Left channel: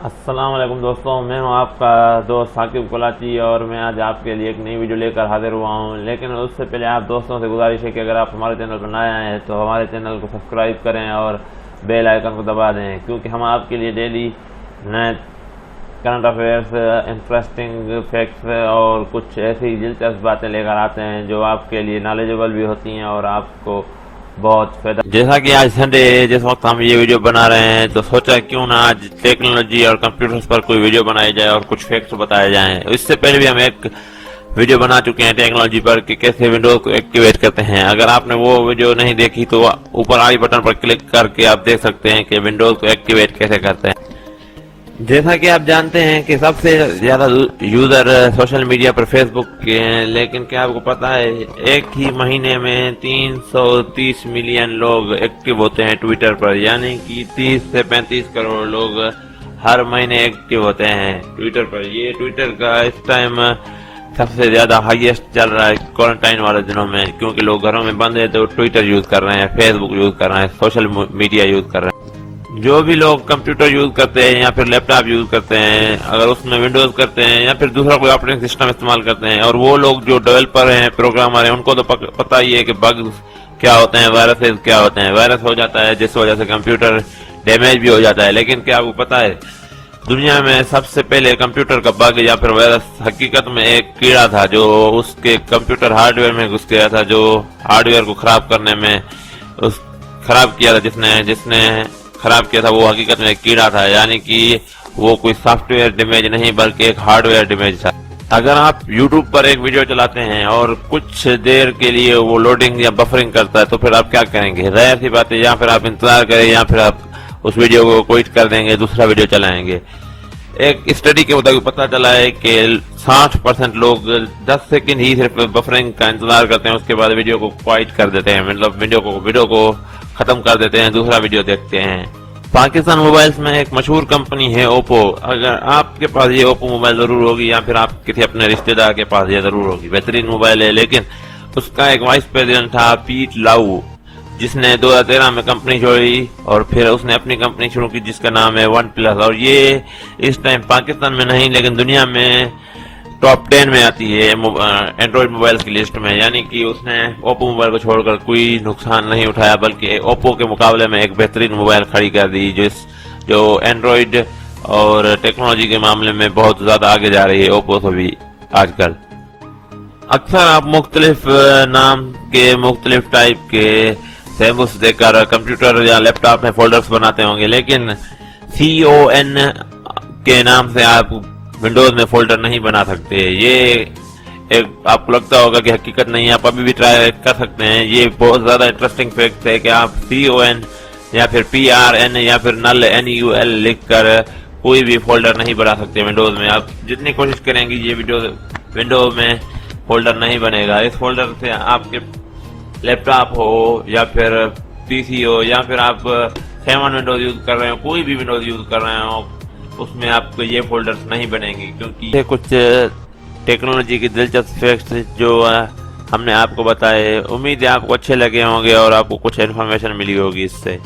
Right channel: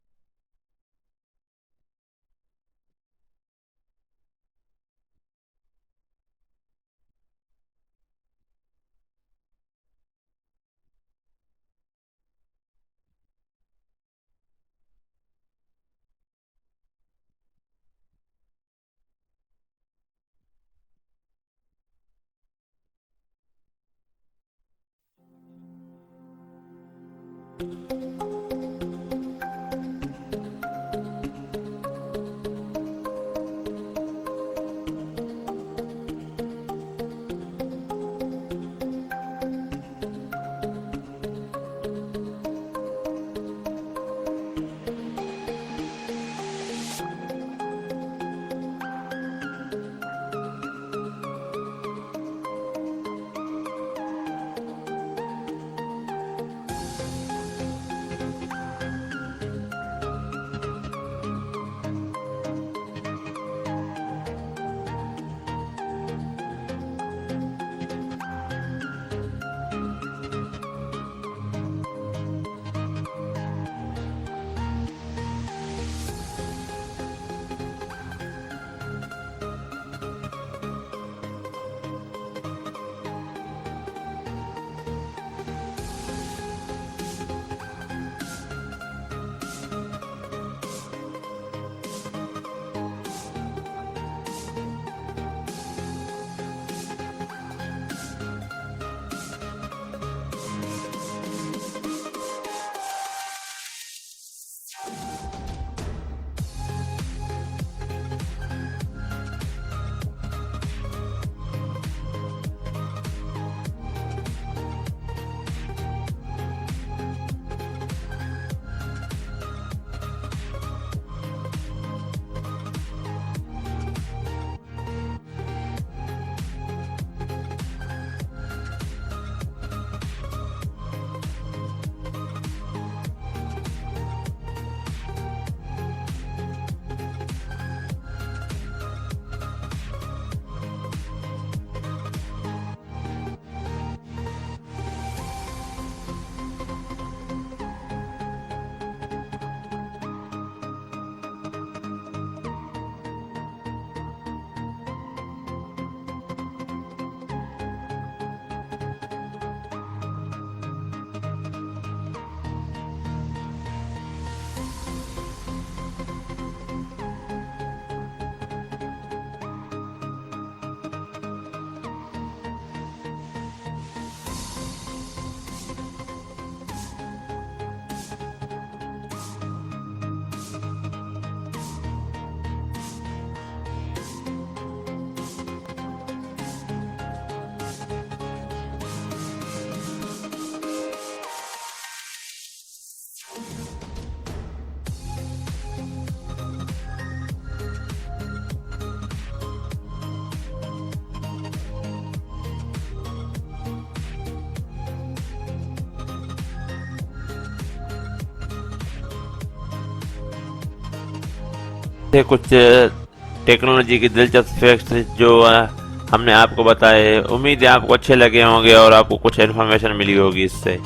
السلام علیکم دوستوں، میں ہوں آپ کا دوست ثاقب کلاچی اور میں آج آپ کے لیے ایک نئی ویڈیو لے کر حاضر ہوا ہوں۔ لیکن اس سے پہلے آپ دوستوں سے گزارش ہے کہ اگر آپ ہمارے چینل پر نئے آئے ہیں تو ہمارے چینل کو سبسکرائب کریں اور بیل آئیکن کو دبا دیں، کیونکہ ہم آپ کے لیے ڈیلی نئے کرنٹ افیئرس، انٹرسٹنگ فیکٹس اور کچھ ایسی دلچسپ باتیں لے کر آتے ہیں جو آپ کے لیے نالجبل بھی ہوتی ہیں اور آپ کو بہت فائدہ۔ جیسا کہ آج سنڈے ہے، جس وقت ہم یہ ویڈیو بنا رہے ہیں تو سوچا کیوں نہ آج ٹیکنالوجی اور کمپیوٹرز پر کوئی ویڈیو بنائی جائے اور کچھ فیکٹس بتائے جائیں۔ اس سے پہلے بھی ہم ایک ویڈیو بنا چکے ہیں ٹیکنالوجی پر کہ کیسے ونڈوز کو ایکٹیویٹ کرتے ہیں۔ اگر آپ نے وہ ویڈیو نہیں دیکھی تو اوپر آئی بٹن پر کلک کر کے آپ دیکھ سکتے ہیں کہ ونڈوز کو ایکٹیویٹ کیسے کرتے ہیں۔ جیسا کہ آپ جانتے ہیں کہ سب سے زیادہ یوزر سوشل میڈیا پر فیس بک کے ہیں، لیکن کیا آپ کو پتہ ہے ایک ہی مہینے میں 330 ملین لوگ ایکٹیو ہوتے ہیں ٹویٹر پر، یعنی کہ 30 سے 35 کروڑ لوگ ہر مہینے ایکٹیو ہوتے ہیں ٹویٹر پر۔ یہ ٹویٹر کا اس ٹائم سب سے زیادہ ہائیسٹ چل رہا ہے کوارنٹائن والے دنوں میں، کیونکہ لوگ گھروں میں بند ہیں تو ٹویٹر یوز کر رہے ہیں، فیس بک یوز کر رہے ہیں، سوشل میڈیا یوز کر رہے ہیں۔ جو بھی لوگ کمپیوٹر یوز کرتے ہیں یا پھر لیپ ٹاپ یوز کرتے ہیں، اگر اس میں ونڈوز کرتے ہیں یا پھر دوسرا کوئی آپریٹنگ سسٹم استعمال کرتے ہیں، اور وہ لوگ جو ڈیولپر ہیں، پروگرامر ہیں، ان کو تو پتہ ہی ہے کہ بگز کیا ہوتے ہیں، وائرسز کیا ہوتے ہیں۔ وائرس ہو جاتا ہے جس وجہ سے کمپیوٹر ڈیمیج بھی ہو جاتا ہے، لیکن کیا آپ کو پتہ ہے دنیا میں سب سے پہلے کمپیوٹر کا بگ یا پھر وائرس حقیقت میں ایک کیڑا تھا جو اس کے کمپیوٹر ہارڈ ویئر میں گھس گیا تھا، جو ہارڈ ویئر کو خراب کرنے میں خراب کیا تھا۔ جس نے خراب کیا تھا وہ حقیقت میں ایک کیڑا تھا، یعنی کہ وہ کوئی سافٹ ویئر ڈیمیج نہیں بلکہ ایک ہارڈ ویئر ڈیمیج تھا۔ اگر آپ یوٹیوب پر ایک ویڈیو چلاتے ہیں اور کچھ دیر کے لیے وہ لوڈنگ یا بفرنگ کرتا ہے تو پھر آپ کیا کریں گے؟ ظاہر سی بات ہے، یا پھر آپ انتظار کریں یا پھر آپ اس ویڈیو کو کوئٹ کر دیں گے، دوسرا ویڈیو چلائیں گے۔ ایک اسٹڈی کے مطابق پتہ چلا ہے کہ 60% لوگ 10 سیکنڈ ہی صرف بفرنگ کا انتظار کرتے ہیں، اس کے بعد ویڈیو کو کوائٹ کر دیتے ہیں، مطلب ویڈیو کو ختم کر دیتے ہیں، دوسرا ویڈیو دیکھتے ہیں۔ پاکستان موبائلز میں ایک مشہور کمپنی ہے اوپو۔ اگر آپ کے پاس یہ اوپو موبائل ضرور ہوگی یا پھر آپ کسی اپنے رشتہ دار کے پاس یہ ضرور ہوگی، بہترین موبائل ہے، لیکن اس کا ایک وائس پریزیڈنٹ تھا پیٹ لاؤ، جس نے 2013 میں کمپنی چھوڑی اور پھر اس نے اپنی کمپنی شروع کی جس کا نام ہے ون پلس، اور یہ اس ٹائم پاکستان میں نہیں لیکن دنیا میں ٹاپ 10 میں آتی ہے اینڈرائڈ موبائل کی لسٹ میں، یعنی کہ اس نے اوپو موبائل کو چھوڑ کر کوئی نقصان نہیں اٹھایا بلکہ اوپو کے مقابلے میں ایک بہترین موبائل کھڑی کر دی جو اینڈرائڈ اور ٹیکنالوجی کے معاملے میں بہت زیادہ آگے جا رہی ہے اوپو سے بھی آج کل۔ اکثر آپ مختلف نام کے مختلف ٹائپ کے سیمبلز دیکھ کر کمپیوٹر یا لیپ ٹاپ میں فولڈرز بناتے ہوں گے، لیکن CON کے نام سے آپ ونڈوز میں فولڈر نہیں بنا سکتے۔ یہ ایک آپ کو لگتا ہوگا کہ حقیقت نہیں ہے، آپ ابھی بھی ٹرائی کر سکتے ہیں۔ یہ بہت زیادہ انٹرسٹنگ فیکٹ ہے کہ آپ CON یا پھر PRN یا پھر NUL لکھ کر کوئی بھی فولڈر نہیں بنا سکتے ونڈوز میں۔ آپ جتنی کوشش کریں گی یہ ونڈوز میں فولڈر نہیں بنے گا۔ اس فولڈر سے آپ کے لیپ ٹاپ ہو یا پھر PC ہو یا پھر آپ 7 ونڈوز یوز کر رہے ہو، کوئی بھی ونڈوز یوز کر رہے ہو، اس میں آپ کو یہ فولڈرز نہیں بنیں گے، کیونکہ یہ کچھ ٹیکنالوجی کی دلچسپ فیکٹس جو ہم نے آپ کو بتائے۔ امید ہے آپ کو اچھے لگے ہوں گے اور آپ کو کچھ انفارمیشن ملی ہوگی اس سے۔